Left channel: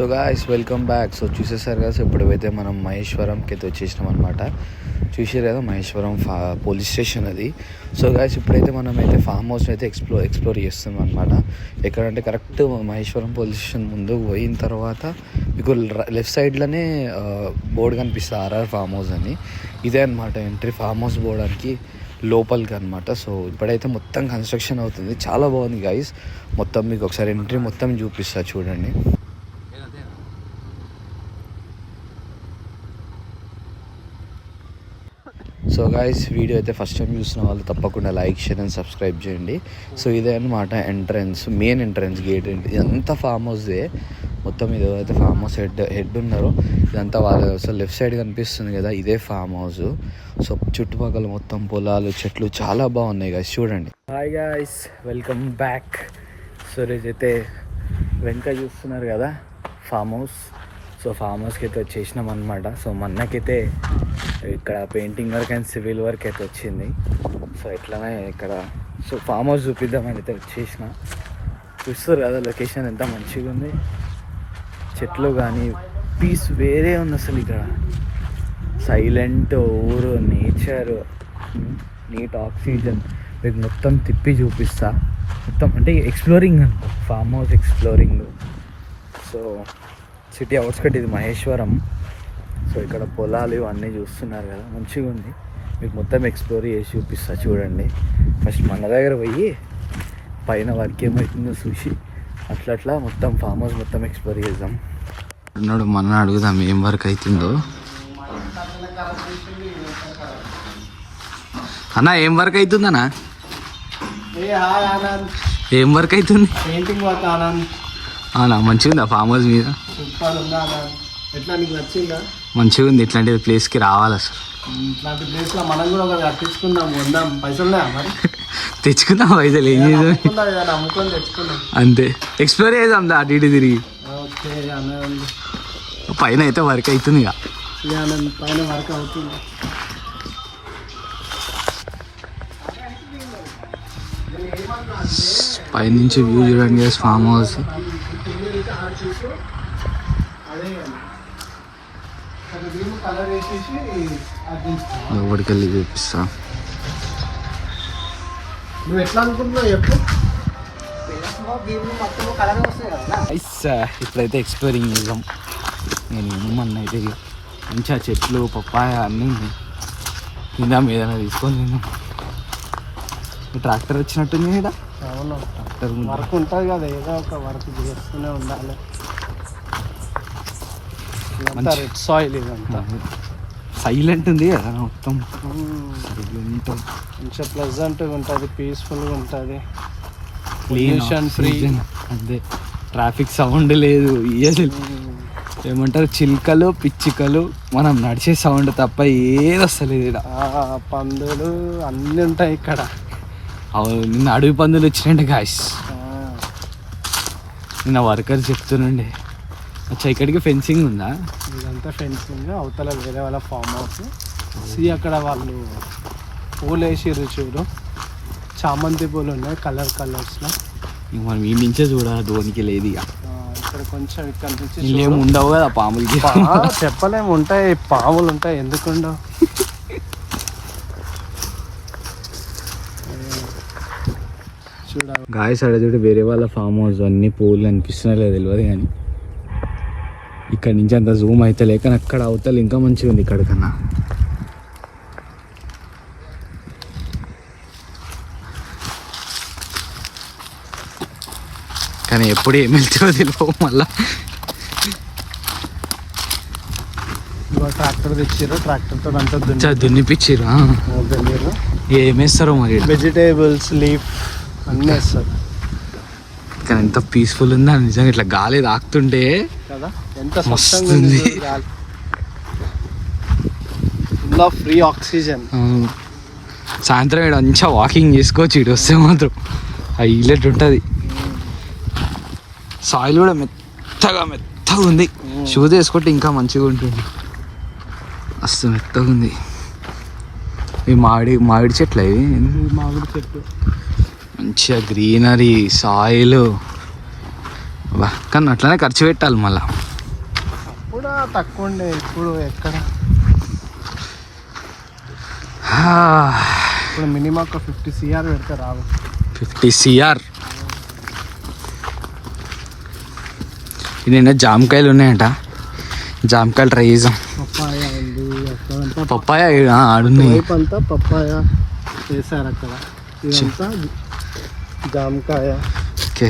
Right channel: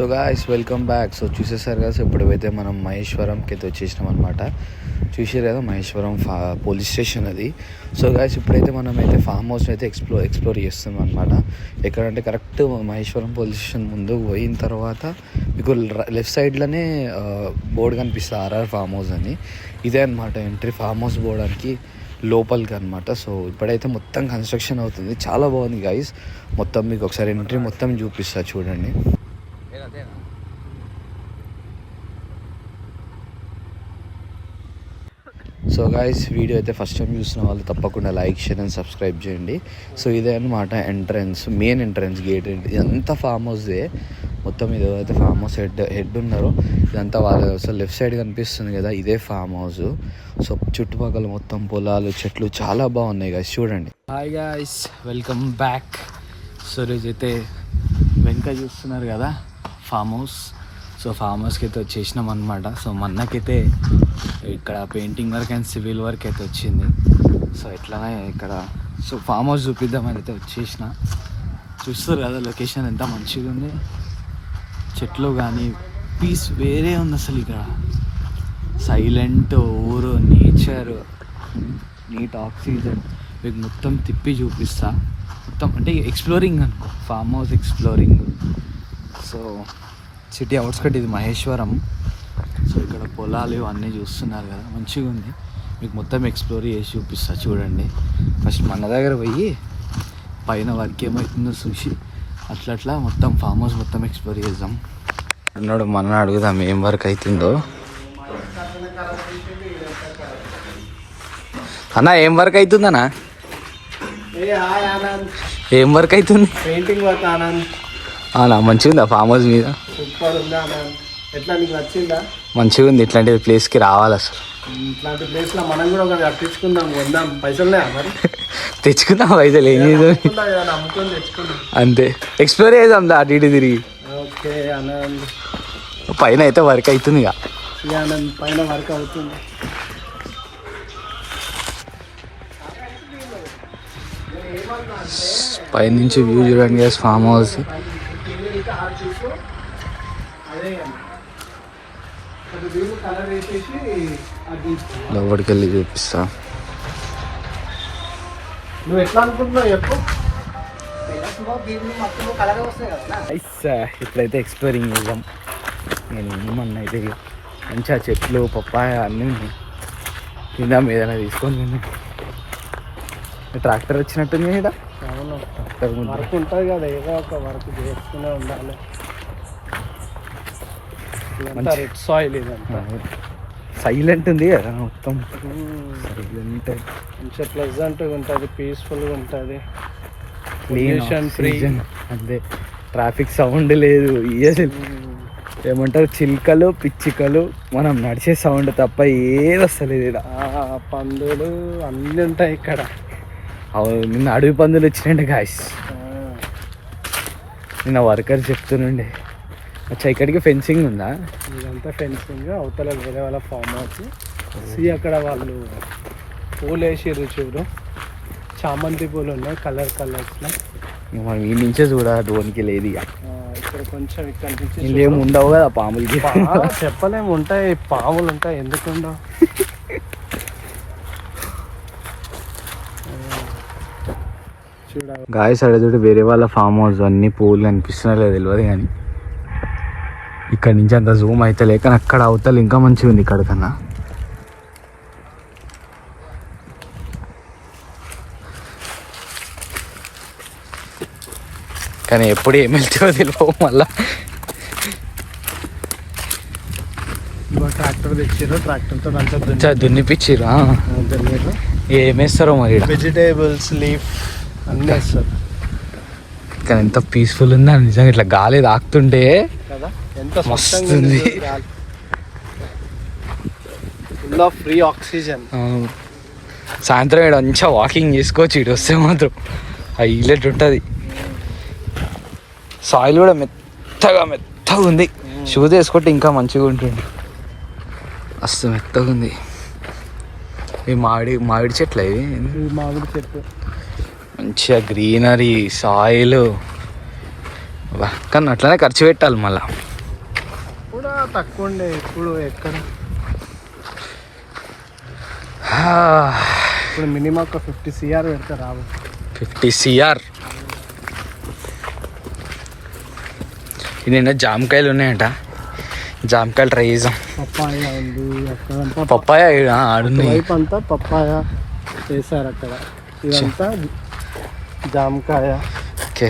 So guys welcome back. So చూసేసారు కదా, so ఇప్పుడైతే మనం మహేశ్వరంకి అయితే వచ్చేసినాం అనమాట. చూసారు కదా మహేశ్వరం పోలీస్ స్టేషన్ అది. సో గాయ్స్ ఇప్పుడైతే మనం అయితే ఫామ్ హౌస్ని అయితే ఎక్స్ప్లోర్ చేస్తున్నాం అనమాట. ఎక్కడంటే కరెక్ట్ మహేశ్వరం పోలీస్ స్టేషన్ ముందు పోయిన తర్వాత మీకు లెఫ్ట్ సైడ్లోనే బోర్డు కనిపిస్తుంది ఆర్ఆర్ ఫామ్ హౌస్ అని. ఇదే అనమాట ఎంట్రీ ఫామ్ హౌస్ పోవడానికి లోపలికి అనమాట. సో ఇప్పుడైతే మొత్తం కన్స్ట్రక్షన్ అవుతుంది, చాలా బాగుంది గాయ్స్. మొత్తం మీకు ఒకసారి ఎంట్రీ మొత్తం చూపిస్తా చూడండి. సో గాయ్స్ వీడియో అయితే ఫస్ట్ టైం చూసిన వాళ్ళు తప్పకుండా లైక్, షేర్ అండ్ సబ్స్క్రైబ్ చేయండి. సో ఇదే అనమాట ఎంట్రన్స్, మెయిన్ ఎంట్రన్స్ గేట్. ఇదంతా ఫామ్ హౌస్దే మొత్తం. ఇది అయితే ఫామ్ హౌస్ హెడ్ ఉన్నారో ఇదంతా వాళ్ళ. సో లెఫ్ట్ సైడ్ కనిపిస్తుంది కదా, ఇదే ఫామ్ హౌస్. సో చుట్టుపక్కల మొత్తం పొలాలు, చెట్లు చాలా బాగున్నాయి గాయ్స్, చూడండి. Hi guys, welcome back. So రోజైతే వెనక చూస్తున్నారు కదా ఫామ్ హౌస్. సో ఫామ్ హౌస్కి అయితే వచ్చేసినాం అనమాట. సో మొన్నకైతే ఇక్కడ painting work and civil work అయితే వచ్చింది. సో ఎట్లనే ఇక్కడ సో ఫామ్ హౌస్ చూపిద్దామని అయితే వచ్చేసిన. చూస్తారు కదా లొకేషన్ ఎంత మంచిగా ఉంది, చెట్లు కానీ పీస్ వేరే ఉంది అసలు. ఇక్కడ సైలెంట్ ఊరు, నేచర్, నీట్ ఆక్సిజన్ మీకు మొత్తం తిప్పి చూపిస్తా. మొత్తం అంటే ఎక్స్ప్లోరింగ్ అనుకో, farm house exploring. So city outskirt ఇది మహేశ్వరం. సో ఇక్కడ పొలాలు ఇవన్నీ చూస్తున్నారు కదా, మంచిగా ఉంది. మీకు మొత్తం ఎక్స్ప్లోర్ చేసి చూపిస్తా చూడండి. ఫస్ట్ మన దగ్గర పోయి పైన వర్క్ ఏమవుతుందో చూసి అట్లా మొత్తం ఫామ్ హౌస్ మొత్తం ఎక్స్ప్లోర్ చేద్దాం. అన్నాడు మన అడుగుదాం ఏం వర్క్ అవుతుందో. అన్నా ఏం వర్క్ అవుతుందన్నా? ఏం వర్క్ అవుతుంది? Painting work Anand. అవునా, మంచిగా ఉందా ఫామ్ హౌస్ మీద? సూపర్ ఉందా ఆనంద్? ఎట్లా నీకు నచ్చిందా? మంచిగా ఉంది. ఇట్లాంటి ప్లేస్కి రావాలి అసలు. ఇట్లాంటి ప్లేస్లో మనం కూడా ఒకటి కట్టించుకుందాం, కొందాం. పైసలున్నాయా మరి? తెచ్చుకుందాం పైసలు, ఏం చేద్దాం అమ్ముకొని తెచ్చుకుందాం అంతే. ఎక్స్ప్లోర్ చేద్దాం అటు ఇటు తిరిగి. ఓకే ఆనంద్. పైన అయితే వర్క్ అవుతుంది ఇక. ఆనంద్ పైన వర్క్ అవుతుంది. పైనుంచి వ్యూ చూడండి ఫామ్ హౌస్. లోపలికి వెళ్ళి చూపిస్తా. నువ్వు ఎట్లా అనుకుంటున్నావు చెప్పు. ఇప్పుడైతే ఎక్స్ప్లోరింగ్ చేద్దాం. నేను ఏమన్నా అయితే మంచిగా చెట్లు, పప్పాయ అన్నీ తిందాం, ఏదైనా తీసుకొని తిందాం. ట్రాక్టర్ వచ్చినట్టుంది కదా, ట్రాక్టర్ వర్క్ ఉంటుంది కదా, ఏదో ఒక వర్క్ చేస్తూనే ఉండాలి. రెడ్ సాయిల్ ఇదంతా సైలెంట్ ఉంది కదా మొత్తం. సైలెంట్, మంచిగా ప్లెజెంట్గా ఉంటుంది, పీస్ఫుల్గా ఉంటుంది, పొల్యూషన్ ఫ్రీ. అంతే, ట్రాఫిక్ సౌండ్ లేదు. అసలు ఏమంటారు, చిలుకలు, పిచ్చికలు, మనం నడిచే సౌండ్ తప్ప ఏది వస్తలేదు ఇక్కడ. పందులు అన్నీ ఉంటాయి ఇక్కడ. నిన్న అడవి పందులు వచ్చినాయండి గాయ్స్. నిన్న వర్కర్ చెప్తుండే. అచ్చా, ఇక్కడికి ఫెన్సింగ్ ఉందా? ఇదంతా ఫెన్సింగ్. అవతల వేరే వాళ్ళ ఫామ్ హౌస్. అక్కడ వాళ్ళు పూలు వేసిర్రు చూడు, చామంతి పూలు ఉన్నాయి కలర్స్లో. ఇక మనం ఈ నుంచే చూడాలి, ధోనికి లేదు ఇక. ఇక్కడ కొంచెం ఇక్కడ నుంచి ఏమి ఉండవు కదా పాములు. చెప్పలేము, ఉంటాయి పాములు ఉంటాయి, ఎందుకు ఉండవు. గాయస్ అడుగుడు వేరే వాళ్ళ ఫామ్ హౌస్ అన్ని పూలు కనిపిస్తున్నారో తెలియదు, కానీ ఇక్కడ నుంచి అంత జూమ్ అయితే లేక అక్కడ అవతల ఇంకా మంచిగా ఉంది ఇక్కడ కన్నా. కానీ ఎప్పుడు ఏం వెళ్తుందో తెలియవు. మళ్ళా ట్రాక్టర్ తెచ్చిర్రు, ట్రాక్టర్తో దున్నిపిచ్చిర్రు. ఏమేస్తారో మరి. వెజిటేబుల్స్, లీఫ్ అన్నీ వస్తాయి. కానీ ఎంత పీస్ఫుల్ ఉందా నిజంగా. ఇట్లా గాలి తాకుతుంటే మస్తుంది, ఫ్రీ ఆక్సిజన్. సాయంత్రం ఇక్కడ మంచిగా వాకింగ్ చేసుకోవచ్చు. ఇటు వస్తే మాత్రం హైలైట్ ఉంటుంది. సాయిల్ కూడా మెత్తగా ఉంది. షూస్ వేసుకుంటే ఇంకా మంచిగా ఉంటుంది. మస్తు మెత్తగా ఉంది. ఈ మామిడి చెట్లు అవి, మామిడి చెట్లు మంచిగా గ్రీనరీ, సాయిల్. కానీ అట్లనే ఖర్చు పెట్టాలి మళ్ళీ. తక్కువ ఉండే, ఇప్పుడు ఎక్కడ ఇప్పుడు మినిమం ఒక 50 CR పెడితే రాదు. 50 CR. నిన్న జామకాయలు ఉన్నాయంట, జామకాయలు ట్రై చేద్దాం. పప్పాయ ఉంది అక్కడంతా, పప్పాయ ఆడున్నాయి. వైపు అంతా పప్పాయ వేసారు అక్కడ. ఇదంతా జామకాయ, okay,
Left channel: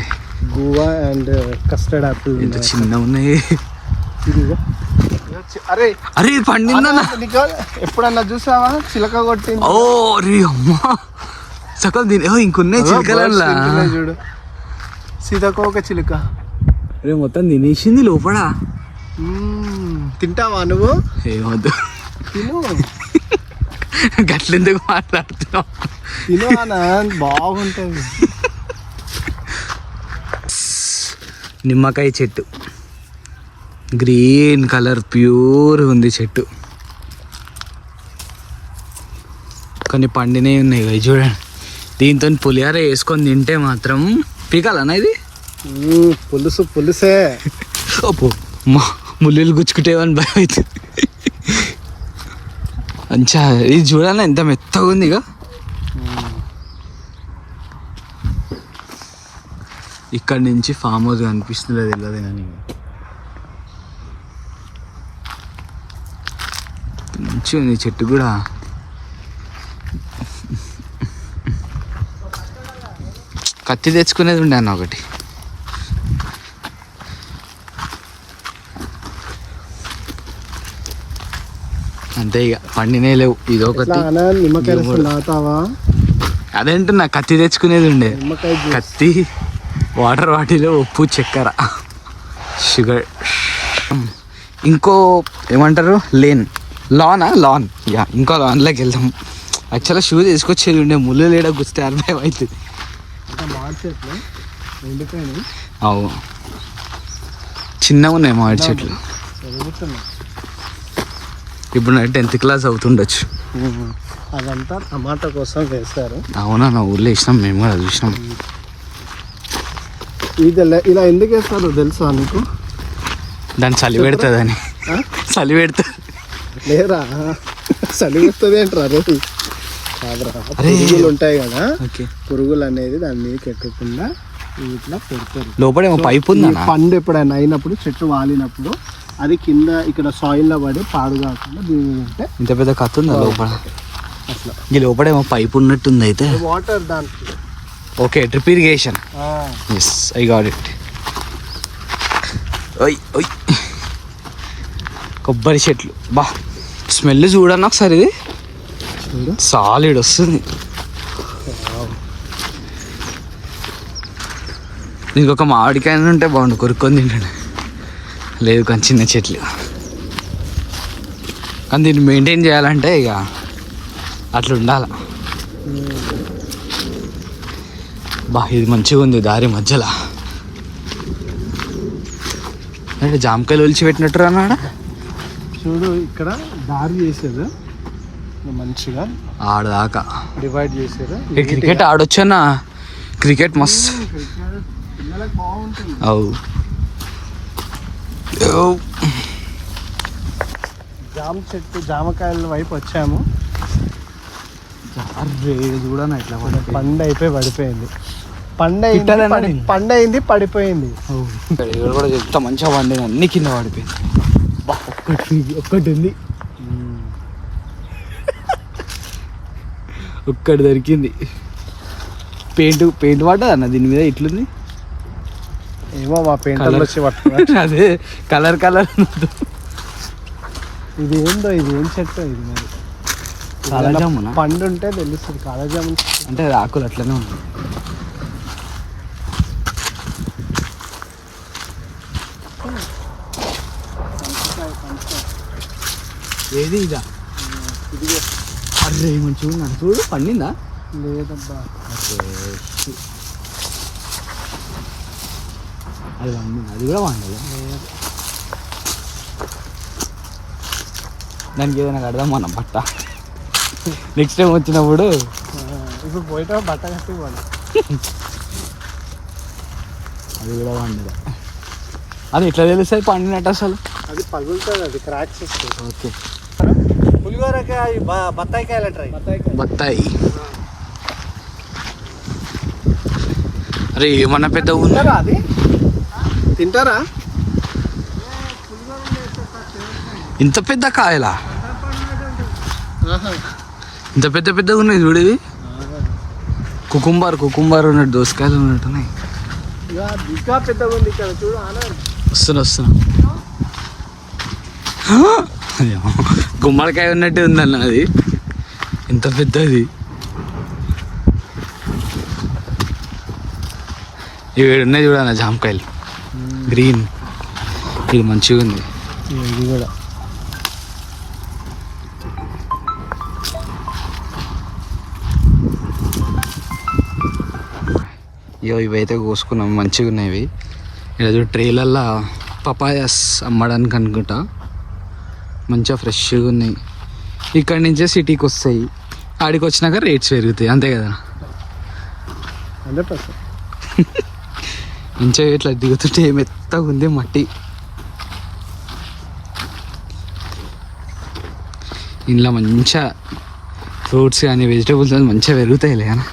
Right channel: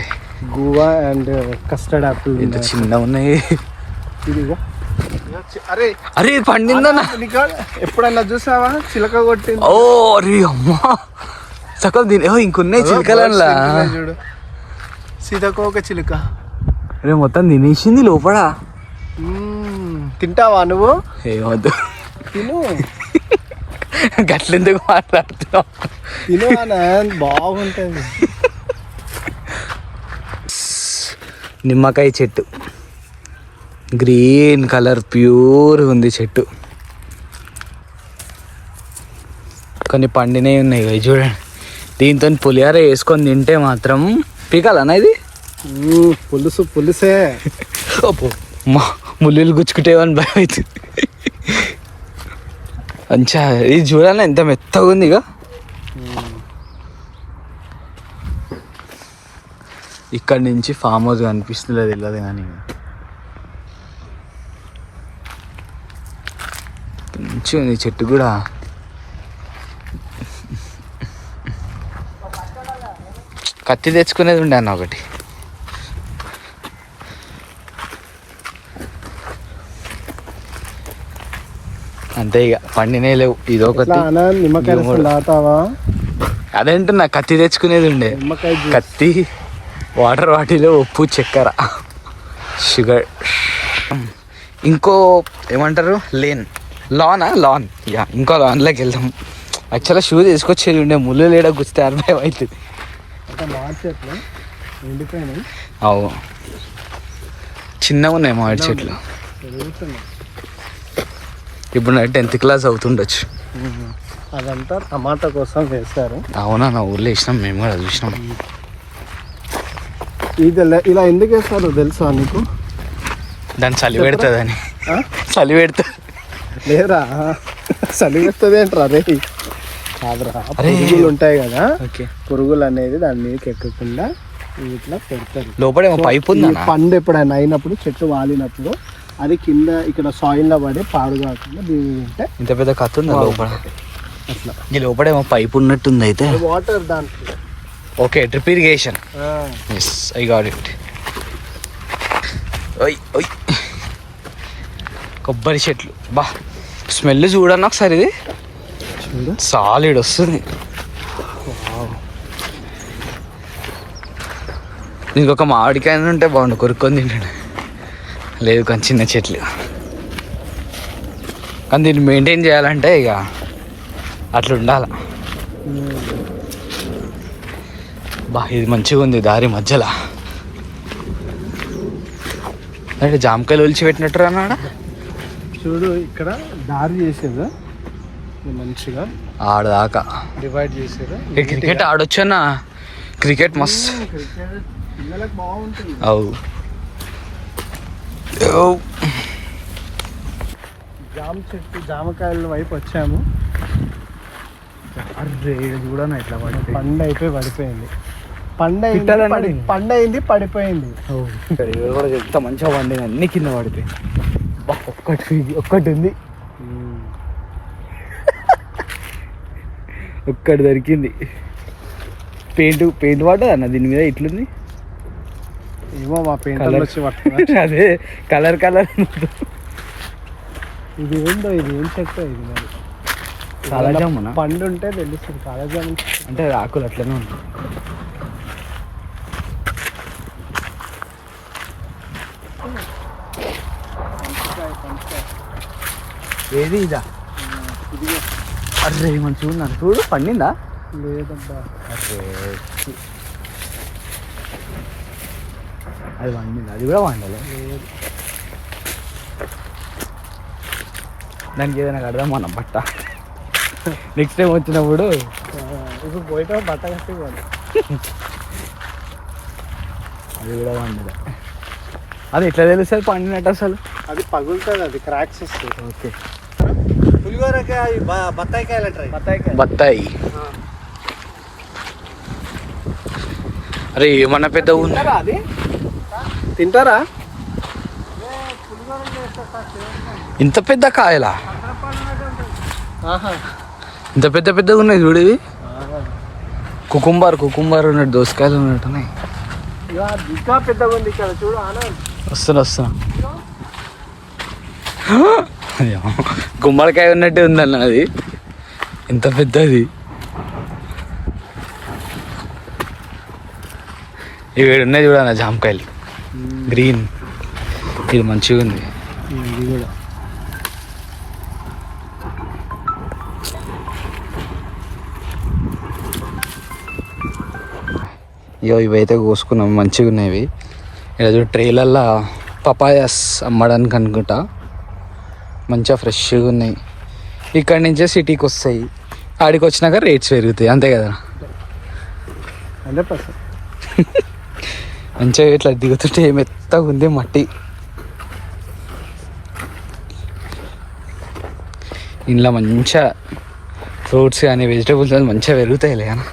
guava and custard Apple. ఎంత చిన్న ఉన్నాయి. అరే అరే పండిందన్నా, ఎప్పుడన్నా చూసావా చిలక కొట్టింది? ఓ అరే అమ్మా, సకల్ దీని ఇంకొన్నాయి చిలకలల్లా. చూడు, సీతకోక చిలుక. అరే మొత్తం తినేసింది లోపల. తింటావా నువ్వు? ఏమొద్దు, తిను. గట్లెందుకు మాట్లాడుతున్నావు? తిను అన్న, బాగుంటుంది. నిమ్మకాయ చెట్టు, గ్రీన్ కలర్ ప్యూర్ ఉంది చెట్టు. కొన్ని పండినవి ఉన్నాయి ఇవి చూడండి. దీంతో పులిహార వేసుకొని తింటే మాత్రం పీకాలన్నా ఇది. పులుసే. ముళ్ళు గుచ్చుకుంటేవని భయం అవుతుంది. మంచిగా ఇది చూడాలి, ఎంత మెత్తగా ఉంది. ఇక ఇక్కడ నుంచి ఫామ్ హౌస్ కనిపిస్తుంది, తెలియదు కానీ మంచిగా ఉంది చెట్టు కూడా. కత్తి తెచ్చుకునేది ఉండే అన్న ఒకటి. అంతే ఇక పండినే లేవు. ఇదొకటి. నిమ్మకాయ తాగుతావా? అదేంటున్నా, కత్తి తెచ్చుకునేది ఉండే. కత్తి, వాటర్ బాటిల్, ఉప్పు, చక్కెర, షుగర్. ఇంకో ఏమంటారు, లాన్ యా, ఇంకో లాన్లోకి వెళ్దాం. యాక్చువల్గా షూ తీసుకొచ్చేది ఉండే, ముళ్ళు లేడ గుస్తే అర్థం అవుతుంది. అవు, చిన్నగా ఉన్నాయి మామిడి చెట్లు. ఇప్పుడు 10th క్లాస్ అవుతుండొచ్చు. అదంతా టమాటా కోసం వేస్తారు. అవునా, నా ఊర్లో వేసినాం, మేము కూడా చూసినాం. ఇది ఇలా ఎందుకు వేస్తారో తెలుసా నీకు? దాన్ని చలి పెడుతుందని. చలి పెడుతుంది లేరా? చలి పెడుతుంది ఏంట్రా? అరే పురుగులు ఉంటాయి కదా, పురుగులు అనేది దాని మీదకి ఎక్కకుండా ఇట్లా పెడతారు. లోపల పైప్ ఉంది. పండు ఎప్పుడైనా అయినప్పుడు, చెట్టు వాలినప్పుడు అది కింద ఇక్కడ సాయిల్ లో పడి పాడు కాకుండా దీని ఉంటే. ఇంత పెద్ద కథ ఉందా లోపల? ఈ లోపల ఏమో పైప్ ఉన్నట్టుంది. అయితే వాటర్ దాంట్లో. Okay, drip irrigation. Yes, I got it. కొబ్బరి చెట్లు, బా స్మెల్ చూడన్నా ఒకసారి. ఇది సాలిడ్ వస్తుంది. ఇంకొక మామిడికాయ ఉంటే బాగుండు, కొరుక్కొని తింటాడు. లేదు కానీ చిన్న చెట్లు. కానీ దీన్ని మెయింటైన్ చేయాలంటే ఇక అట్లా ఉండాలి. బా ఇది మంచిగా ఉంది, దారి మధ్యలో. అంటే జామకాయలు ఒలిచి పెట్టినట్టు అన్నాడా? చూడు, ఇక్కడ దారి చేసేదా మంచిగా, ఆడదాకా డివైడ్ చేసేదా. క్రికెట్ ఆడొచ్చన్నా, క్రికెట్ మస్తు పిల్లలకు బాగుంటుంది. అవు, జామ చెట్టు, జామకాయల వైపు వచ్చాము. అర్రే చూడనా ఇట్లా పడిపోయి, పండు అయిపోయి పడిపోయింది. పండు అయింది, పడిపోయింది. కూడా చెప్తా, మంచిగా పండింది, అన్ని కింద పడిపోయింది. ఒక్కటి ఉంది, ఒక్కటి దొరికింది. పెయింట్ పడ్డది అన్న దీని మీద. ఇట్లుంది ఏమో, మా పెయింట్ వచ్చి పట్టుకున్నా. అదే కలర్. ఇది ఏందో, ఇది ఏం చెట్టు ఇది? మరి కాలాజామునా? పండు ఉంటే తెలుస్తుంది. కాలాజాము అంటే ఆకులు అట్లనే ఉంది. ఏది ఇదా? అర్రే మంచిగా ఉన్నాను చూడు. పండిందా? లేదబ్బా. అర్రే అది వండింది, అది కూడా వండలే. దానికి ఏదైనా కడదాం మనం బట్ట. నెక్స్ట్ టైం వచ్చినప్పుడు. ఇప్పుడు పోయితే బట్ట కట్టి పోవాలి. అది కూడా వండలే. అది ఎట్లా తెలుస్తుంది పండినట్టు అసలు? అది పగులుతుంది, అది క్రాక్స్ వస్తాయి. ఓకే. పులిగోరకాయ బత్తాయికాయలు అంటారు. బత్తాయి. అరే ఏమన్నా పెద్ద ఉంది అది తింటారా? ఇంత పెద్ద కాయలా? ఇంత పెద్ద పెద్దగా ఉన్నాయి చూడు. ఇది కుకుంబర్ ఉన్నట్టు, దోసకాయలు ఉన్నట్టున్నాయి. ఇంకా పెద్దగా ఉంది ఇక్కడ చూడు. వస్తున్నా. గుమ్మడికాయ ఉన్నట్టే ఉందన్న అది, ఇంత పెద్దది. ఇవి ఉన్నాయి చూడన్న జామకాయలు, గ్రీన్. ఇది మంచిగా ఉంది. ఇది కూడా ఇవైతే కోసుకున్నాం, మంచిగా ఉన్నాయి. ఇలా ట్రేలల్లో పపాయాస్ అమ్మడానికి అనుకుంటా, మంచిగా ఫ్రెష్గా ఉన్నాయి. ఇక్కడి నుంచే సిటీకి వస్తాయి, ఆడికి వచ్చినాక రేట్స్ పెరుగుతాయి, అంతే కదా? 100%. మంచిగా ఇట్లా దిగుతుంటే మెత్తగా ఉంది మట్టి. ఇంట్లో మంచిగా ఫ్రూట్స్ కానీ వెజిటేబుల్స్ కానీ మంచిగా పెరుగుతాయిలే కానీ.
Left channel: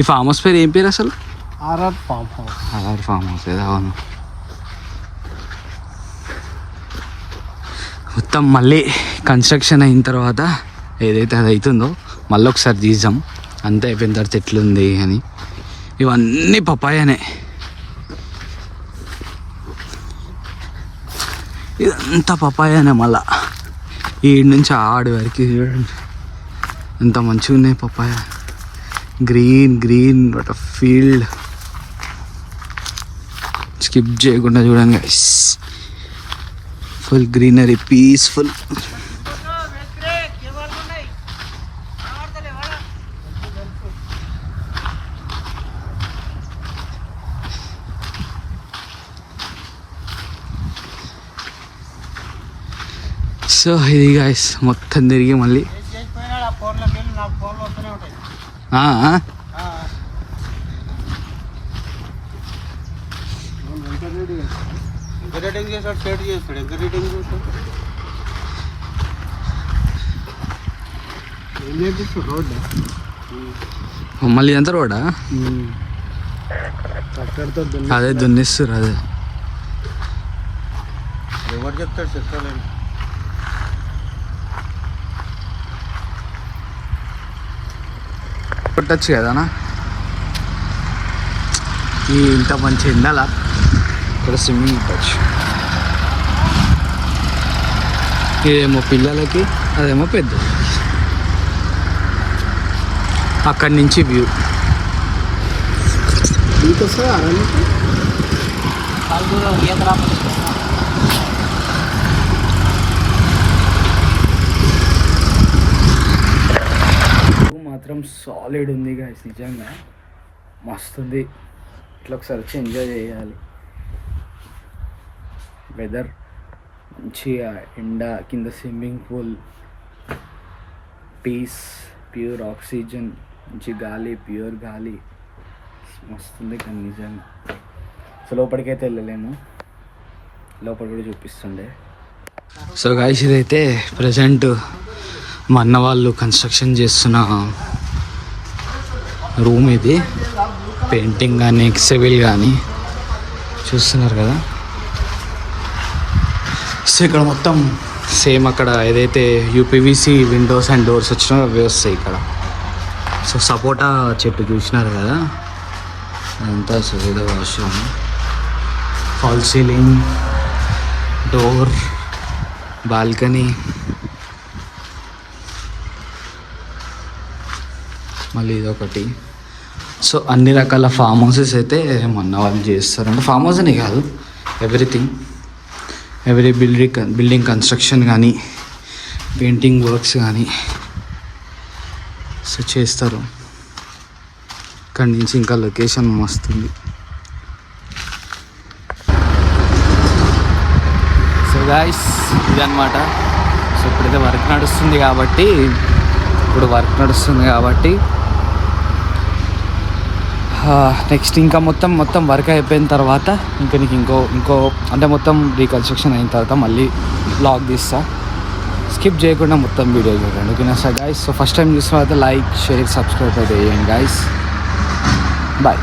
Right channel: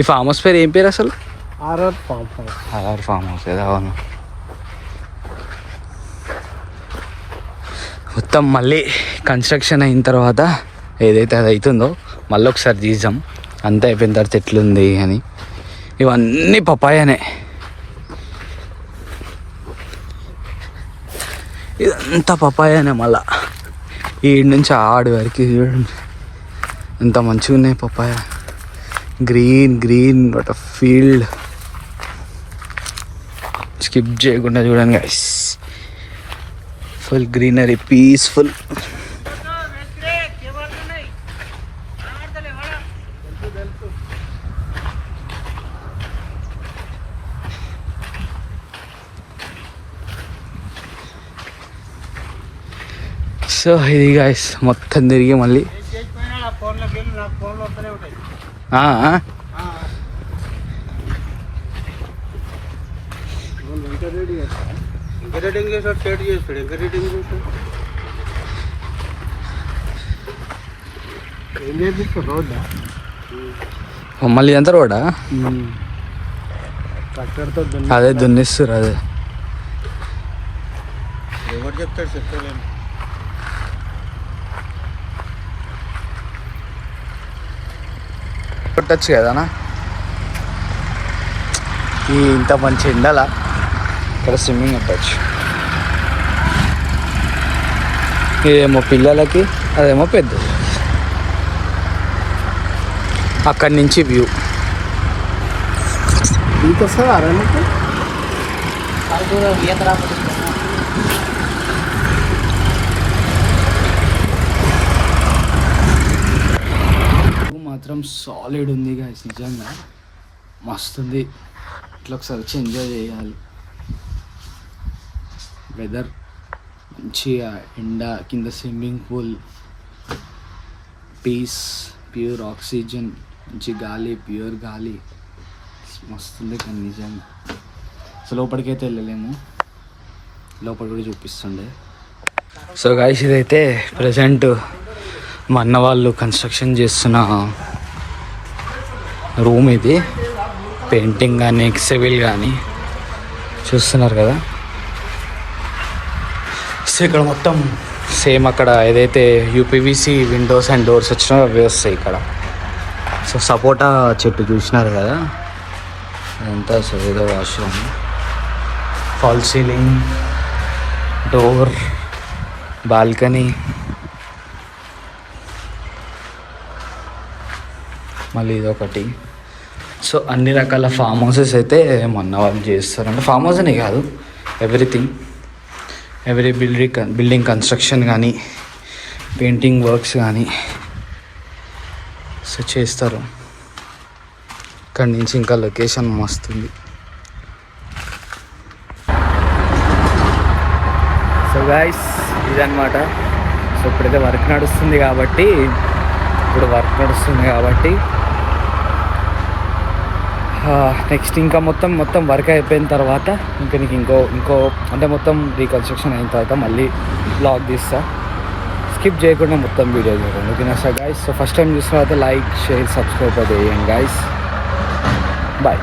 ఈ ఫామ్ హౌస్ పేరు ఏం పేరు అసలు? RR farm house. ఏదో అవును. మొత్తం మళ్ళీ కన్స్ట్రక్షన్ అయిన తర్వాత ఏదైతే అది అవుతుందో మళ్ళీ ఒకసారి తీద్దాం, అంతా అయిపోయిన తర్వాత ఎట్లుంది అని. ఇవన్నీ పపాయానే, ఇదంతా పపాయానే. మళ్ళా ఈ నుంచి ఆడి వరకు చూడండి ఎంత మంచిగా ఉన్నాయి papaya. Green what a field. Skip చేయకుండా చూడండి guys, full greenery, peaceful. So ఇది గైస్ మొత్తం తిరిగి మళ్ళీ ఏం చేపిస్తారు? రోడ్డా? మళ్ళీ ఎంత రోడ్డా? అదే దున్నిస్తారు. అదే ఎవరు చెప్తారు? చెప్పలేము. కొట్టచ్చు కదనా? ఈ ఇంత మంచి ఎండలా ఇక్కడ స్విమ్మింగ్ కొట్టచ్చు. ఇదేమో పిల్లలకి, అదేమో పెద్దది. అక్కడి నుంచి వ్యూ మీకు వస్తుంది అరణ్యకు మాత్రం సాలిడ్ ఉంది గాయస్, నిజంగా మస్తుంది. ఇట్లా ఒకసారి వచ్చి ఎంజాయ్ చేయాలి. వెదర్ మంచిగా, ఎండ, కింద swimming pool, peace, pure oxygen, మంచి గాలి, ప్యూర్ గాలి, మస్తుంది. కానీ నిజంగా సో లోపలికైతే వెళ్ళలేము, లోపల కూడా చూపిస్తుండే. సో గాయస్ ఇదైతే ప్రజెంట్ మా అన్న వాళ్ళు కన్స్ట్రక్షన్ చేస్తున్న రూమ్. ఇది పెయింటింగ్ కానీ సివిల్ కానీ చూస్తున్నారు కదా. సో ఇక్కడ మొత్తం సేమ్ అక్కడ ఏదైతే యూపీవీసీ విండోస్ అండ్ డోర్స్ వచ్చినా అవి వస్తాయి ఇక్కడ. సో సపోటా చెట్టు చూసినారు కదా, అదంతా సో ఏదో washroom, fall ceiling, door, balcony, మళ్ళీ ఇదొకటి. సో అన్ని రకాల ఫామ్ హౌసెస్ అయితే మొన్న వాళ్ళు చేస్తారు. అంటే ఫామ్ హౌస్ అని కాదు, ఎవ్రీథింగ్, ఎవ్రీ బిల్డింగ్ కన్స్ట్రక్షన్ కానీ, పెయింటింగ్ వర్క్స్ కానీ సో చేస్తారు. ఇక్కడి నుంచి ఇంకా లొకేషన్ మస్తుంది. సో గాయ్స్ ఇదన్నమాట. సో ఇప్పుడైతే వర్క్ నడుస్తుంది కాబట్టి నెక్స్ట్ ఇంకా మొత్తం వర్క్ అయిపోయిన తర్వాత ఇంకా నీకు ఇంకో అంటే మొత్తం రీకన్స్ట్రక్షన్ అయిన తర్వాత మళ్ళీ బ్లాగ్ తీస్తా. స్కిప్ చేయకుండా మొత్తం వీడియో చూడండి, ఓకేనా sir guys. So first time చూసిన తర్వాత లైక్ షేర్ సబ్స్క్రైబ్ అయితే చేయండి గైస్. బాయ్.